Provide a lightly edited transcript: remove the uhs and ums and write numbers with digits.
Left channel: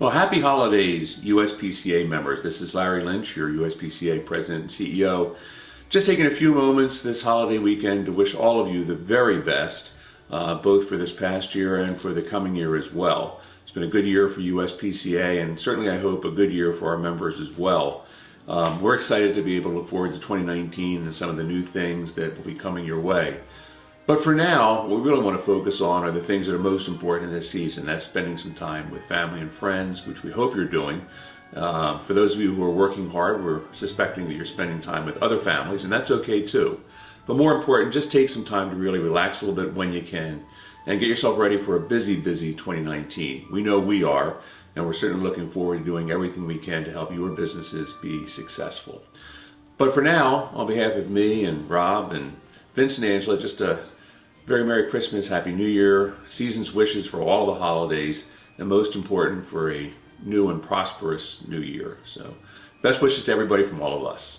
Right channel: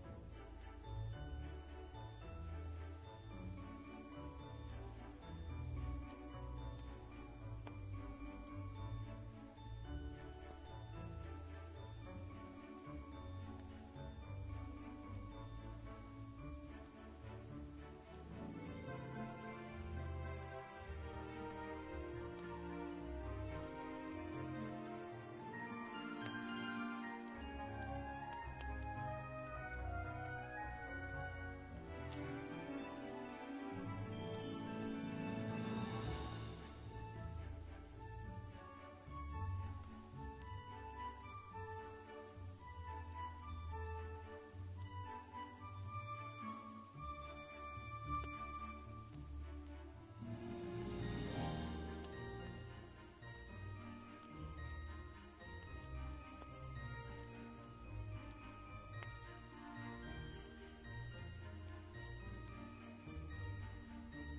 Well, happy holidays, USPCA members. This is Lynch, your USPCA President and CEO. Just taking a few moments this holiday weekend to wish all of you the very best, both for this past year and for the coming year as well. It's been a good year for USPCA, and certainly I hope a good year for our members as well. We're excited to be able to look forward to 2019 and some of the new things that will be coming your way. But for now, what we really want to focus on are the things that are most important in this season. That's spending some time with family and friends, which we hope you're doing. For those of you who are working hard, we're suspecting that you're spending time with other families, and that's okay too. But more important, just take some time to really relax a little bit when you can and get yourself ready for a busy 2019. We know we are, and we're certainly looking forward to doing everything we can to help your businesses be successful. But for now, on behalf of me and Rob and Vince and Angela, just a very Merry Christmas, Happy New Year, season's wishes for all the holidays, and most important, for a new and prosperous new year. So, best wishes to everybody from all of us.